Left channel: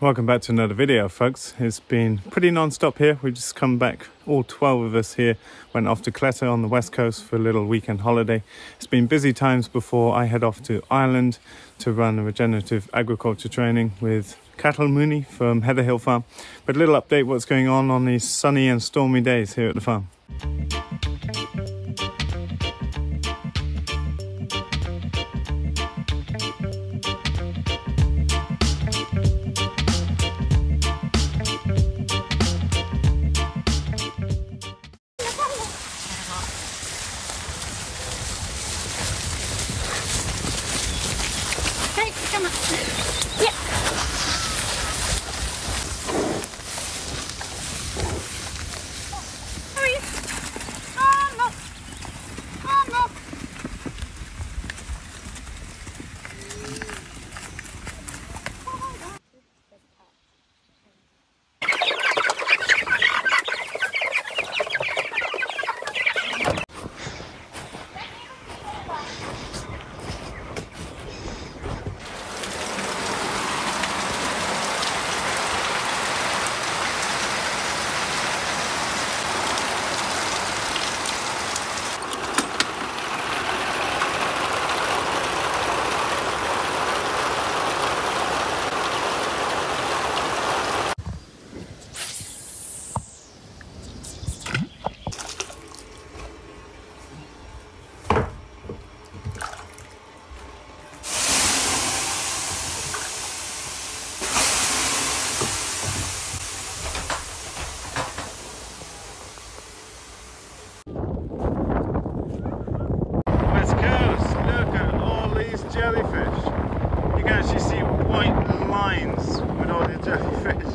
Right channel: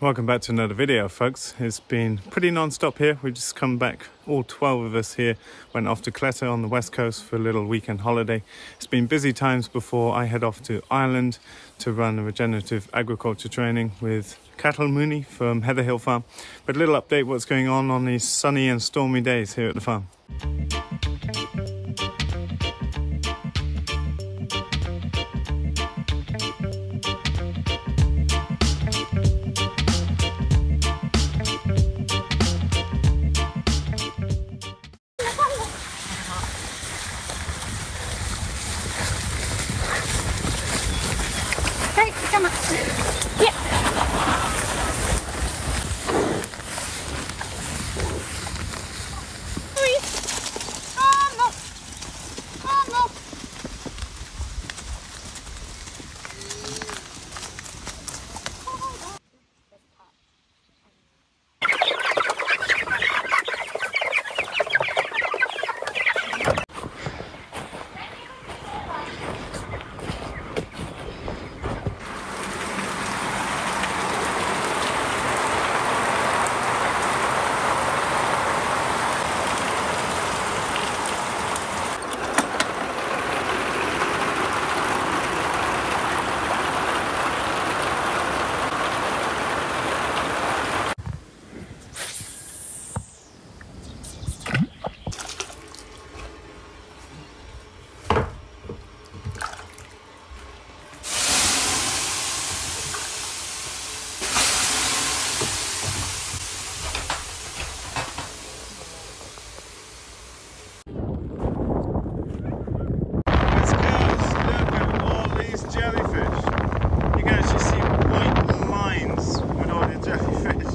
Welcome back to another video, folks. It's been pretty non-stop here. We've just come back, all 12 of us here, went off to Cleta on the west coast for a little weekend holiday. It's been busy times before I head off to Ireland to run a regenerative agriculture training with cattle Mooney from Ridgedale Farm. But a little update what's going on these sunny and stormy days here at the farm. Come on. Yeah. Jellyfish. You can actually see white lines with all the jellyfish.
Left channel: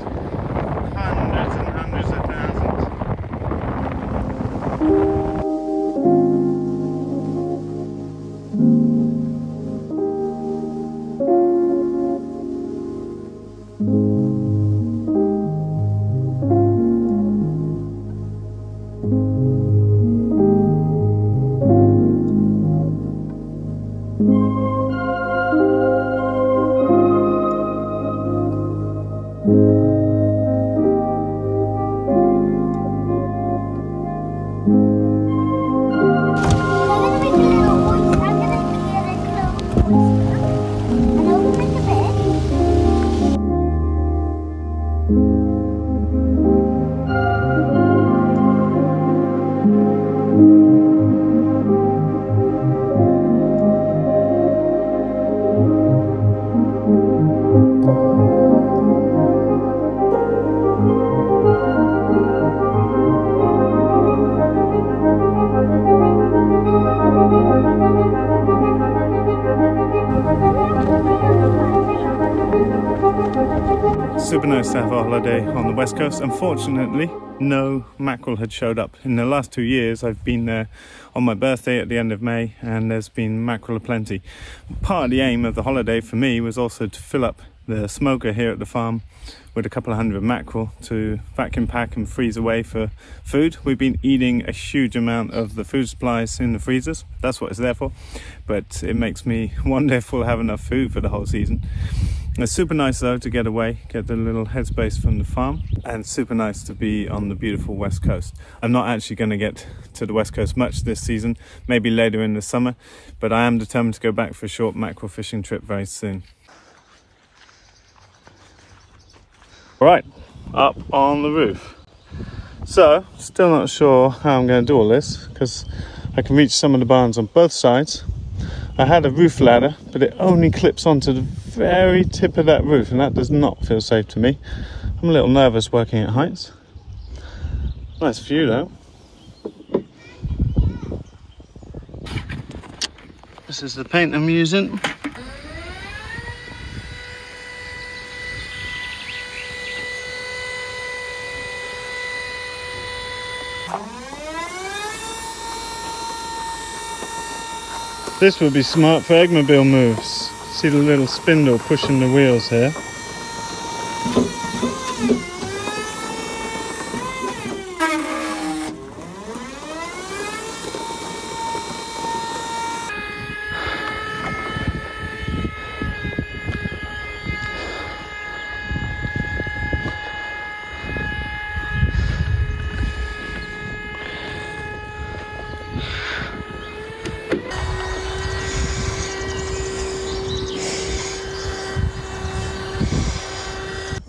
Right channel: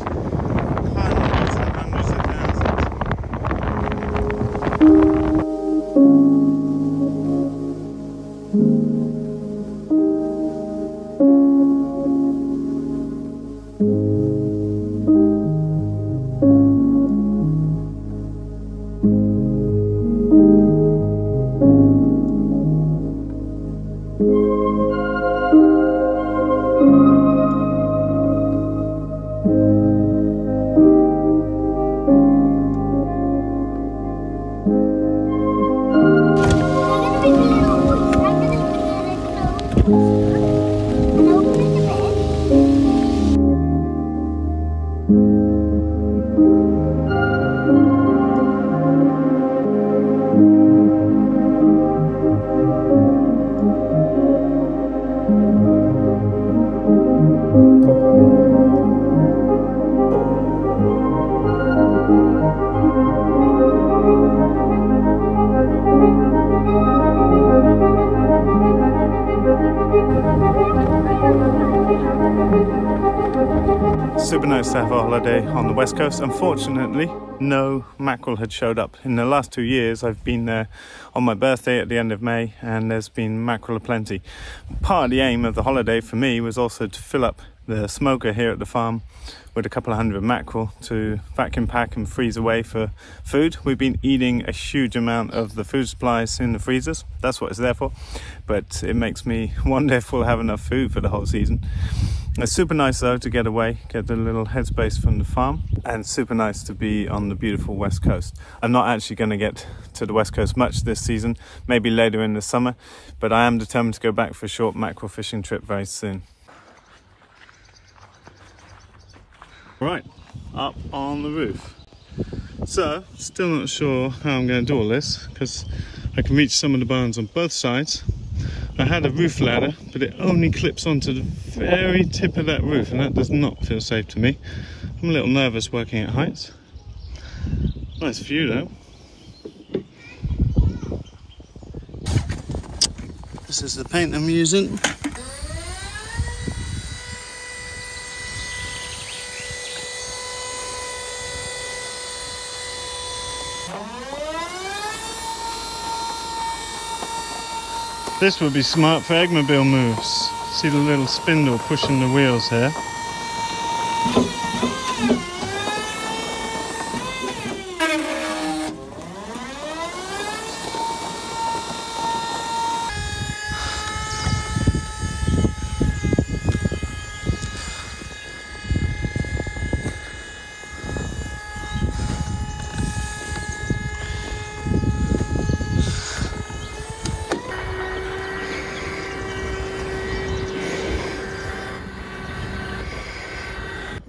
Hundreds and hundreds of thousands. Super nice to have a holiday on the west coast. Unfortunately, no mackerel had showed up. In the last 2 years, I've been there on my birthday at the end of May, and there's been mackerel aplenty. Part of the aim of the holiday for me was also to fill up the smoker here at the farm with a couple of hundred mackerel to vacuum pack and freeze away for food. We've been eating a huge amount of the food supplies in the freezers. That's what it's there for. But it makes me wonder if we'll have enough food for the whole season. It's super nice though to get away, get a little headspace from the farm, and super nice to be on the beautiful west coast. I'm not actually going to get to the west coast much this season, maybe later in the summer, but I am determined to go back for a short mackerel fishing trip very soon. Right, up on the roof. So, still not sure how I'm going to do all this, because I can reach some of the barns on both sides. I had a roof ladder, but it only clips onto the very tip of that roof, and that does not feel safe to me. I'm a little nervous working at heights. Nice view though. This is the paint I'm using. This would be smart for eggmobile moves. See the little spindle pushing the wheels here.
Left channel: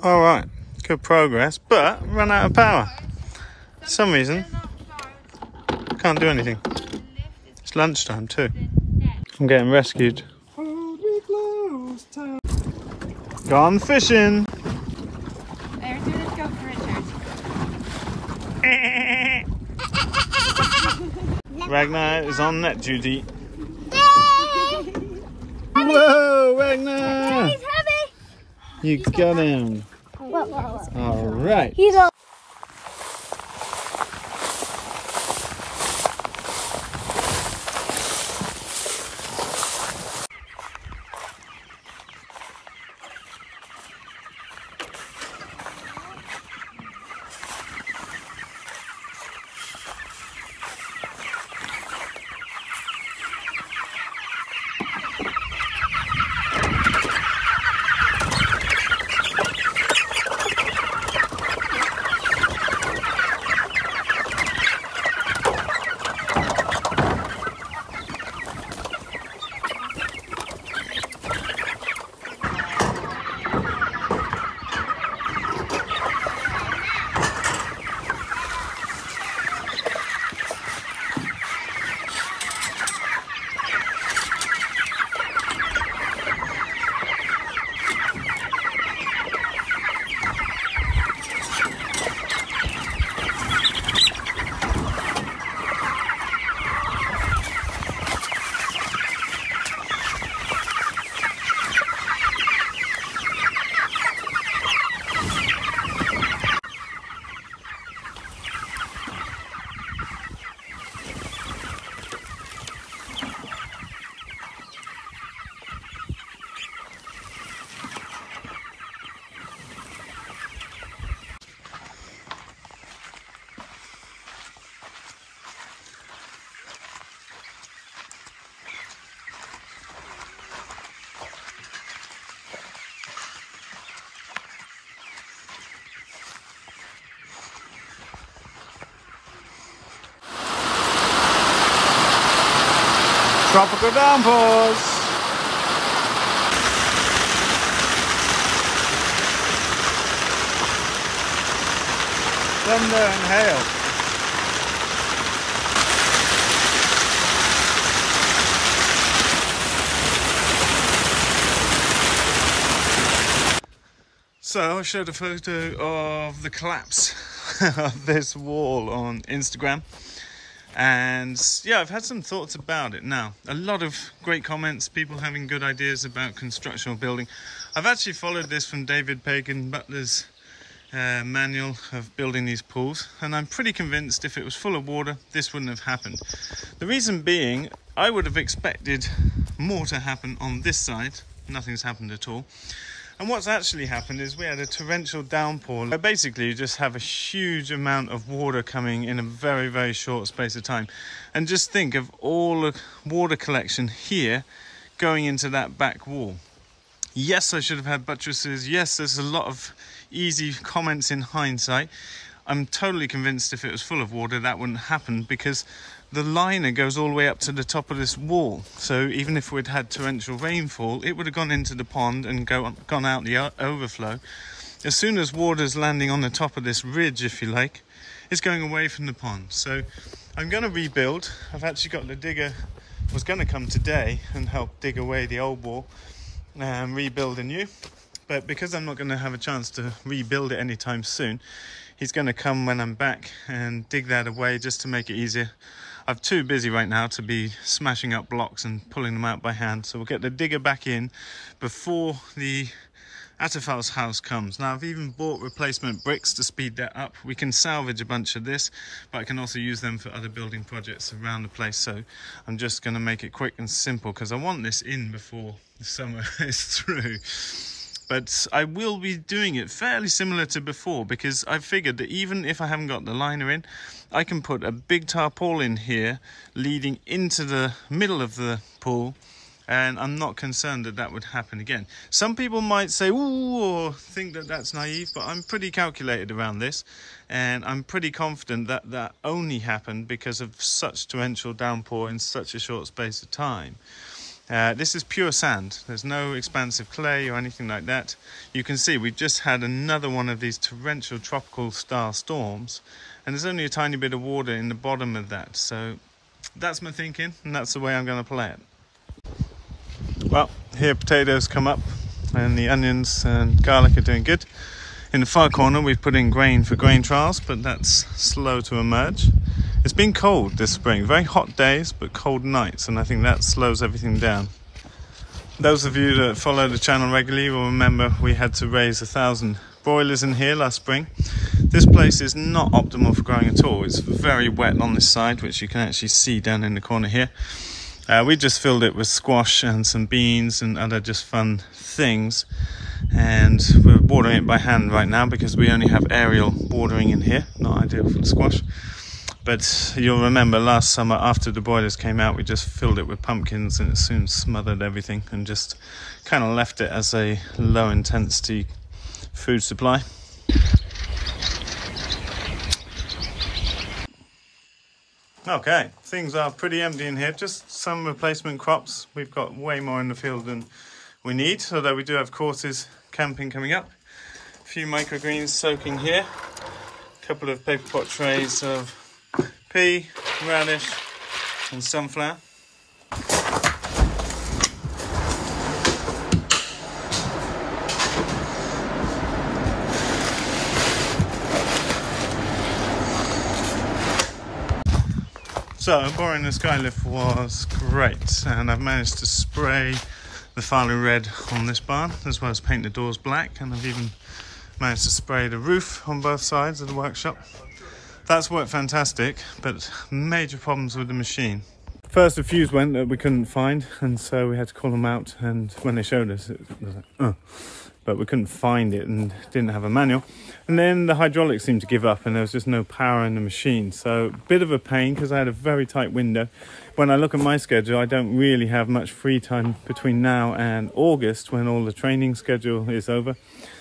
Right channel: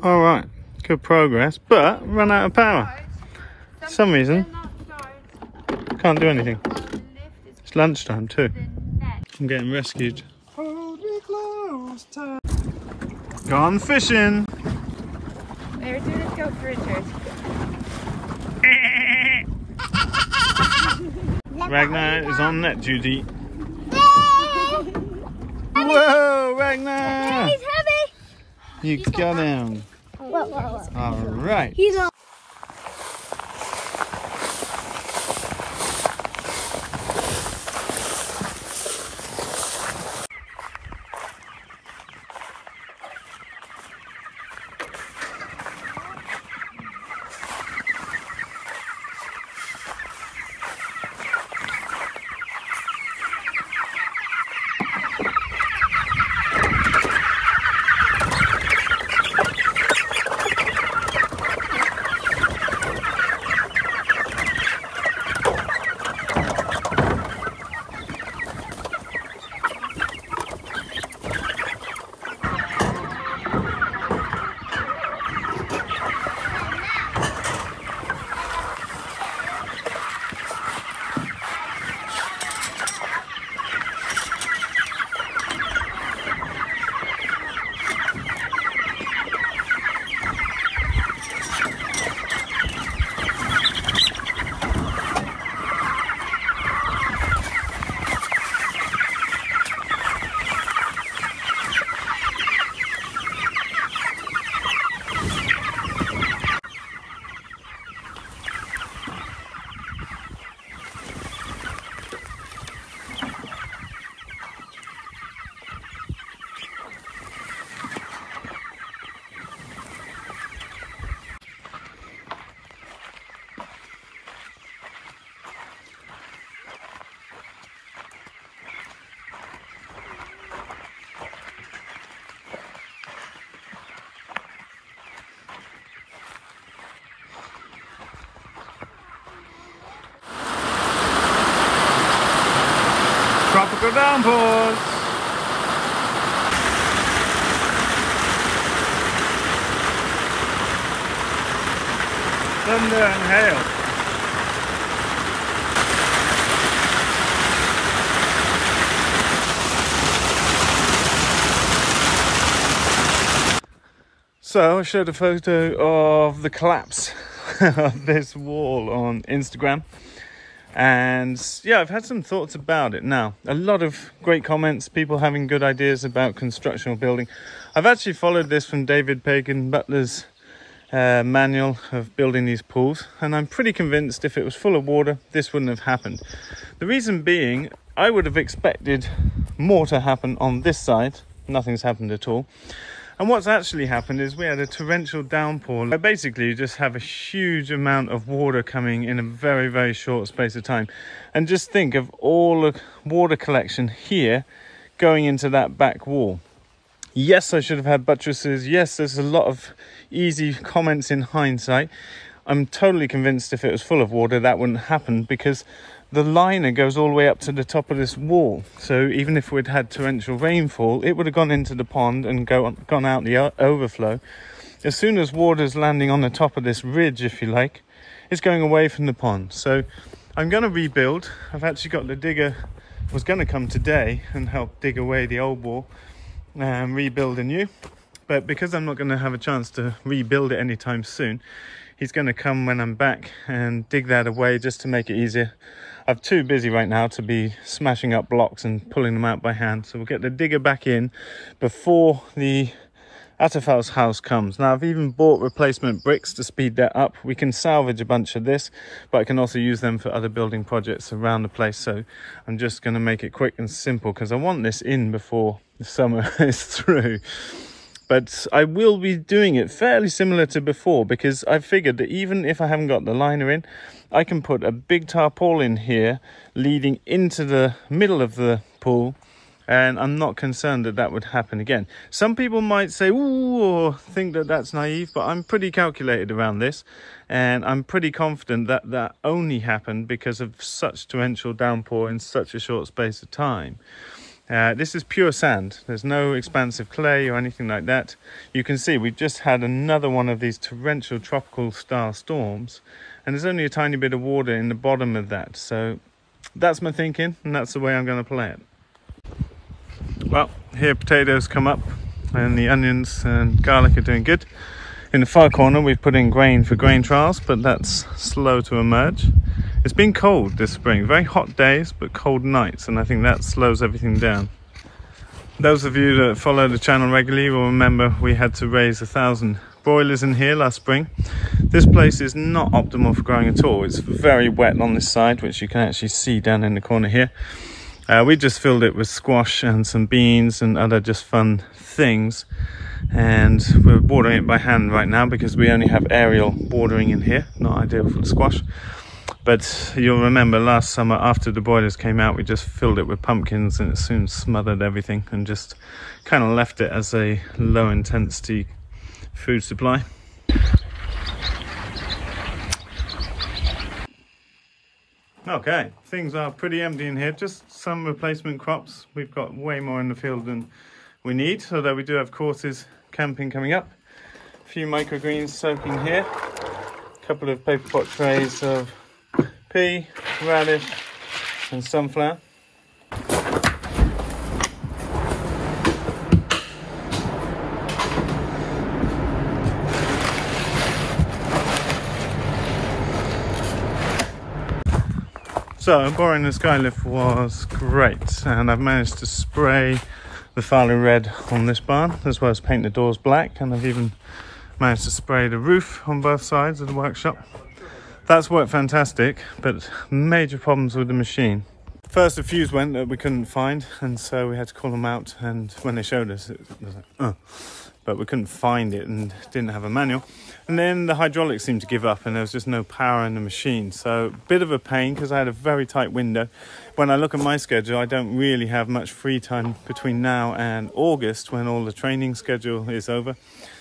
All right, good progress, but run out of power. For some reason, can't do anything. It's lunchtime too. I'm getting rescued. Gone fishing. There, do this go for Richard. Ragnar is on net duty. Whoa, Ragnar! He's heavy. You got him. Whoa. All right. He's all. Tropical downpours. Thunder and hail. So I showed a photo of the collapse of this wall on Instagram. And yeah, I've had some thoughts about it now. A lot of great comments, people having good ideas about construction or building. I've actually followed this from David Pagan Butler's manual of building these pools, and I'm pretty convinced if it was full of water, this wouldn't have happened. The reason being, I would have expected more to happen on this side. Nothing's happened at all. And what's actually happened is we had a torrential downpour where basically you just have a huge amount of water coming in a very, very short space of time. And just think of all the water collection here going into that back wall. Yes, I should have had buttresses. Yes, there's a lot of easy comments in hindsight. I'm totally convinced if it was full of water, that wouldn't happen because the liner goes all the way up to the top of this wall. So even if we'd had torrential rainfall, it would have gone into the pond and gone out the overflow. As soon as water's landing on the top of this ridge, if you like, it's going away from the pond. So I'm going to rebuild. I've actually got the digger, was going to come today and help dig away the old wall and rebuild a new. But because I'm not going to have a chance to rebuild it anytime soon, he's going to come when I'm back and dig that away just to make it easier. I'm too busy right now to be smashing up blocks and pulling them out by hand. So we'll get the digger back in before the Atafal's house comes. Now I've even bought replacement bricks to speed that up. We can salvage a bunch of this, but I can also use them for other building projects around the place. So I'm just going to make it quick and simple because I want this in before the summer is through. But I will be doing it fairly similar to before because I figured that even if I haven't got the liner in, I can put a big tarpaulin here leading into the middle of the pool, and I'm not concerned that that would happen again. Some people might say, ooh, or think that that's naive, but I'm pretty calculated around this, and I'm pretty confident that that only happened because of such torrential downpour in such a short space of time. This is pure sand. There's no expansive clay or anything like that. You can see we've just had another one of these torrential tropical style storms, and there's only a tiny bit of water in the bottom of that. So that's my thinking, and that's the way I'm going to play it. Well, here potatoes come up, and the onions and garlic are doing good. In the far corner we've put in grain for grain trials, but that's slow to emerge. It's been cold this spring, very hot days but cold nights, and I think that slows everything down. Those of you that follow the channel regularly will remember we had to raise 1,000 broilers in here last spring. This place is not optimal for growing at all. It's very wet on this side, which you can actually see down in the corner here. We just filled it with squash and some beans and other just fun things, and we're watering it by hand right now because we only have aerial watering in here. Not ideal for the squash, but you'll remember last summer after the broilers came out, we just filled it with pumpkins, and it soon smothered everything and just kind of left it as a low intensity food supply. Okay, things are pretty empty in here, just some replacement crops. We've got way more in the field than we need, although we do have courses camping coming up. A few microgreens soaking here, a couple of paper pot trays of pea, radish and sunflower. So boring the skylift was great, and I've managed to spray the Farley red on this barn as well as paint the doors black, and I've even managed to spray the roof on both sides of the workshop. That's worked fantastic, but major problems with the machine. First, a fuse went that we couldn't find, and so we had to call them out, and when they showed us it was like, but we couldn't find it and didn't have a manual. And then the hydraulics seemed to give up and there was just no power in the machine. So a bit of a pain because I had a very tight window. When I look at my schedule, I don't really have much free time between now and August when all the training schedule is over.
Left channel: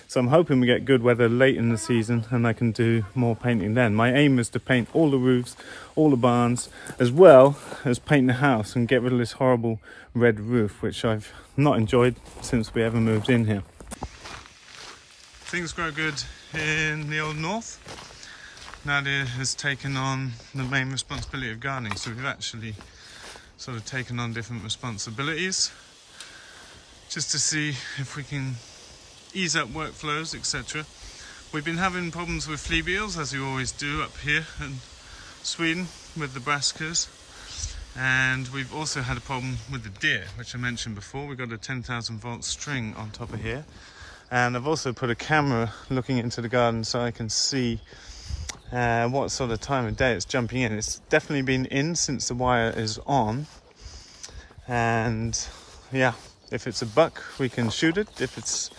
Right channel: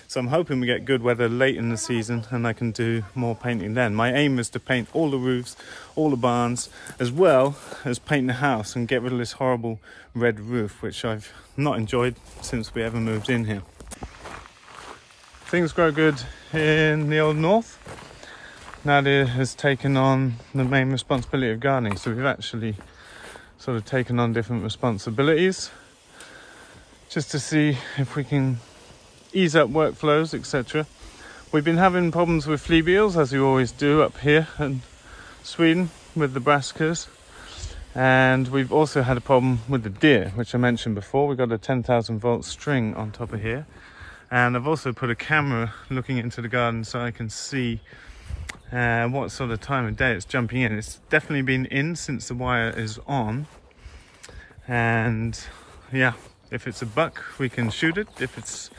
So I'm hoping we get good weather late in the season and I can do more painting then. My aim is to paint all the roofs, all the barns, as well as paint the house and get rid of this horrible red roof, which I've not enjoyed since we ever moved in here. Things grow good in the old north. Nadia has taken on the main responsibility of gardening, so we've actually sort of taken on different responsibilities just to see if we can ease up workflows, etc. We've been having problems with flea beetles, as we always do up here in Sweden with the brassicas, and we've also had a problem with the deer, which I mentioned before. We've got a 10,000 volt string on top of here. And I've also put a camera looking into the garden so I can see what sort of time of day it's jumping in. It's definitely been in since the wire is on. And yeah, if it's a buck, we can shoot it. If it's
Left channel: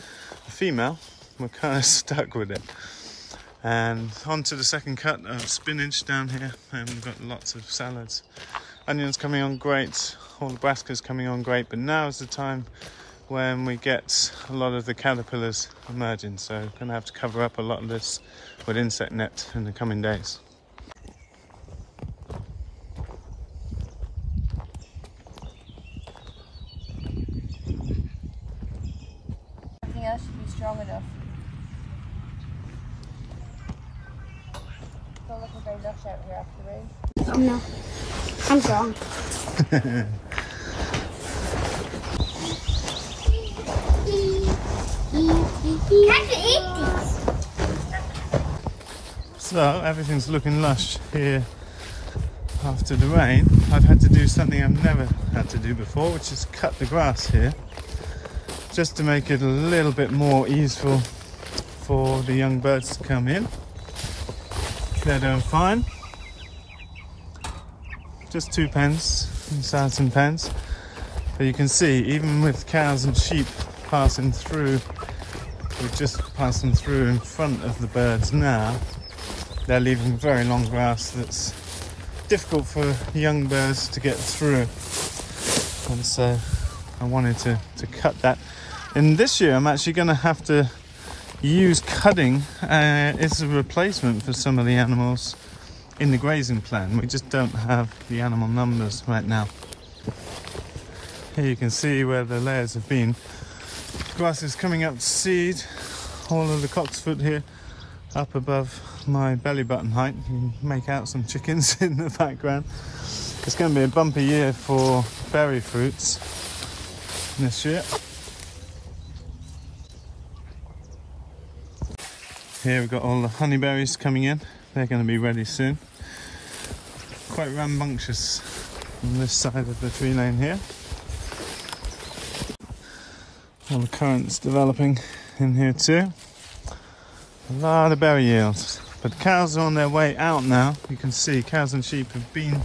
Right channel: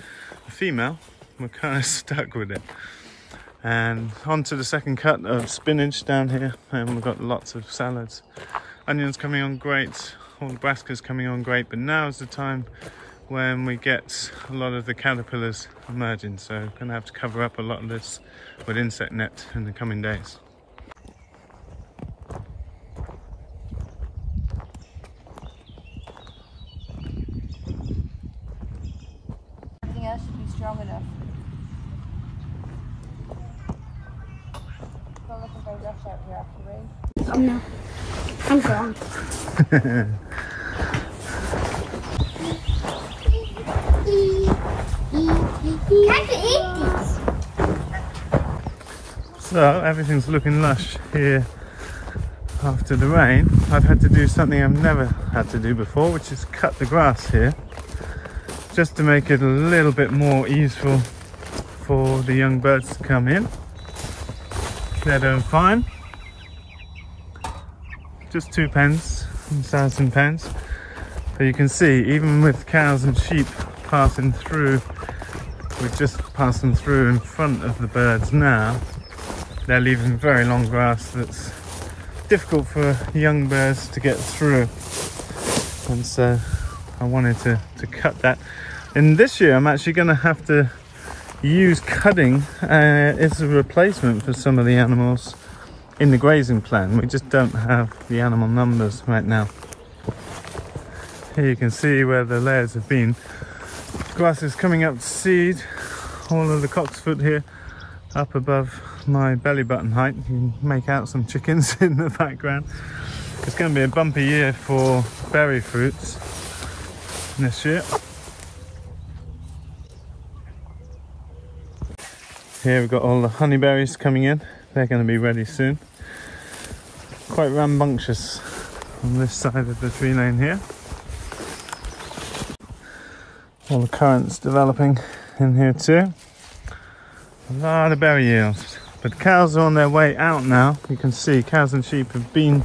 a female, we're kind of stuck with it. And on to the second cut of spinach down here. And we've got lots of salads. Onions coming on great. All the brassicas coming on great. But now is the time when we get a lot of the caterpillars emerging, so I'm going to have to cover up a lot of this with insect net in the coming days. Everything else should be strong enough. Oh no, I'm gone. Can you eat these? So everything's looking lush here after the rain. I've had to do something I've never had to do before, which is cut the grass here, just to make it a little bit more easeful for the young birds to come in. They're doing fine. Just 2 pens, Saracen pens. But you can see, even with cows and sheep passing through, we've just passed them through in front of the birds now. They're leaving very long grass that's difficult for young birds to get through. And so I wanted to cut that. And this year I'm actually going to have to use cutting as a replacement for some of the animals in the grazing plan. We just don't have the animal numbers right now. Here you can see where the layers have been. Grass is coming up to seed. All of the cocksfoot here up above my belly button height. You can make out some chickens in the background. It's going to be a bumpy year for berry fruits this year. Here we've got all the honeyberries coming in. They're going to be ready soon. Quite rambunctious on this side of the tree lane here. All the currants developing in here too. A lot of berry yields. But cows are on their way out now. You can see cows and sheep have been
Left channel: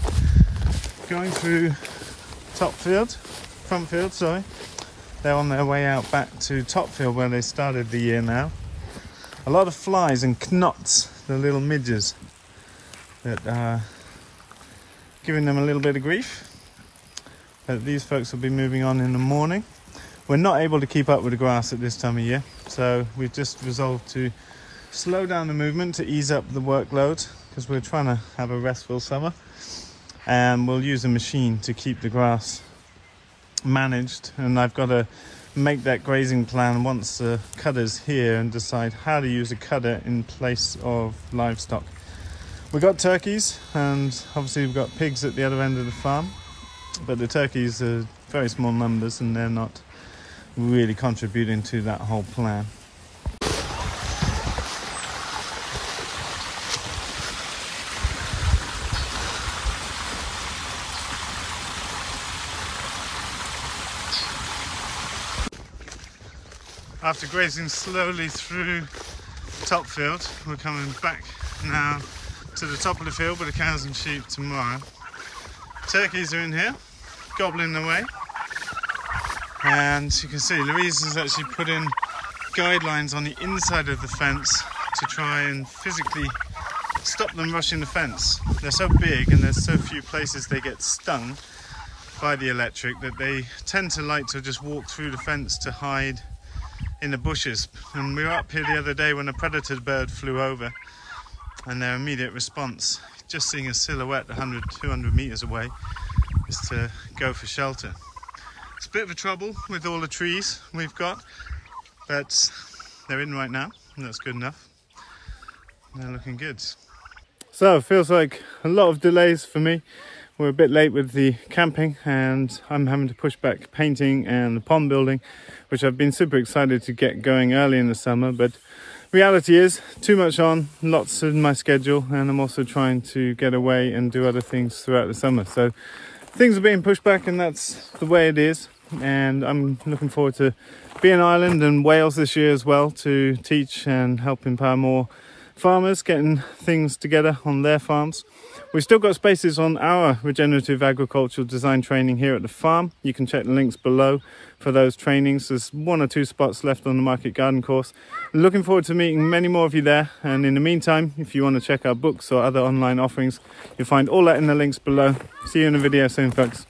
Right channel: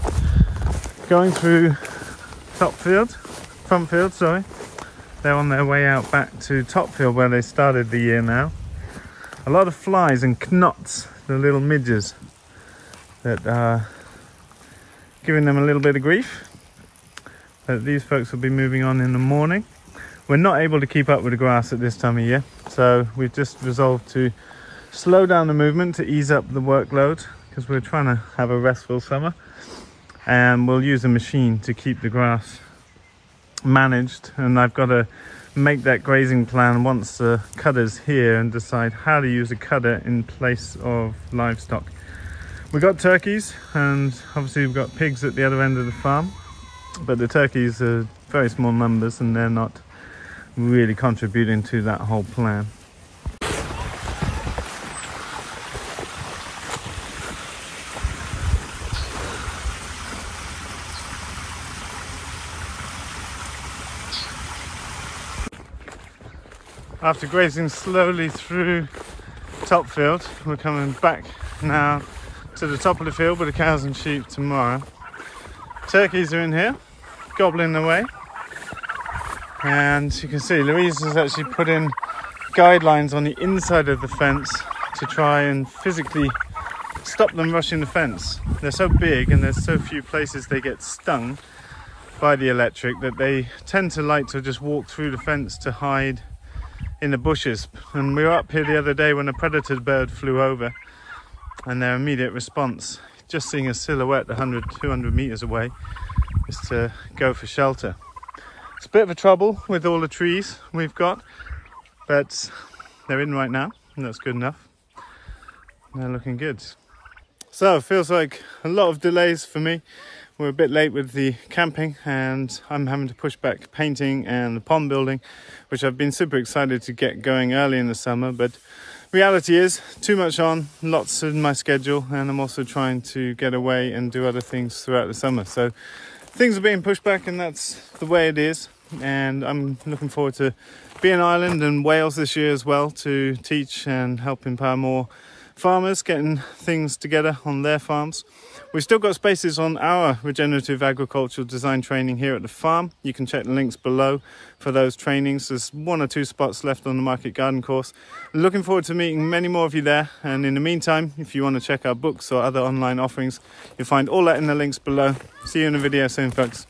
going through front field, sorry. They're on their way out back to top field where they started the year now. A lot of flies and knots, the little midges that are giving them a little bit of grief. But these folks will be moving on in the morning. We're not able to keep up with the grass at this time of year, so we've just resolved to slow down the movement to ease up the workload because we're trying to have a restful summer, and we'll use a machine to keep the grass managed. And I've got to make that grazing plan once the cutter's here and decide how to use a cutter in place of livestock. We've got turkeys and obviously we've got pigs at the other end of the farm, but the turkeys are very small numbers and they're not really contributing to that whole plan. After grazing slowly through top field, we're coming back now to the top of the field with the cows and sheep tomorrow. Turkeys are in here, gobbling away. And you can see Louise has actually put in guidelines on the inside of the fence to try and physically stop them rushing the fence. They're so big and there's so few places they get stung by the electric that they tend to like to just walk through the fence to hide in the bushes. And we were up here the other day when a predator bird flew over, and their immediate response, just seeing a silhouette 100-200 meters away, is to go for shelter. It's a bit of a trouble with all the trees we've got, but they're in right now and that's good enough. They're looking good. So it feels like a lot of delays for me. We're a bit late with the camping and I'm having to push back painting and the pond building, which I've been super excited to get going early in the summer, but reality is too much on, lots in my schedule, and I'm also trying to get away and do other things throughout the summer. So things are being pushed back and that's the way it is. And I'm looking forward to being in Ireland and Wales this year as well to teach and help empower more farmers getting things together on their farms. We've still got spaces on our regenerative agricultural design training here at the farm. You can check the links below for those trainings. There's 1 or 2 spots left on the market garden course. Looking forward to meeting many more of you there. And in the meantime, if you want to check our books or other online offerings, you'll find all that in the links below. See you in a video soon, folks.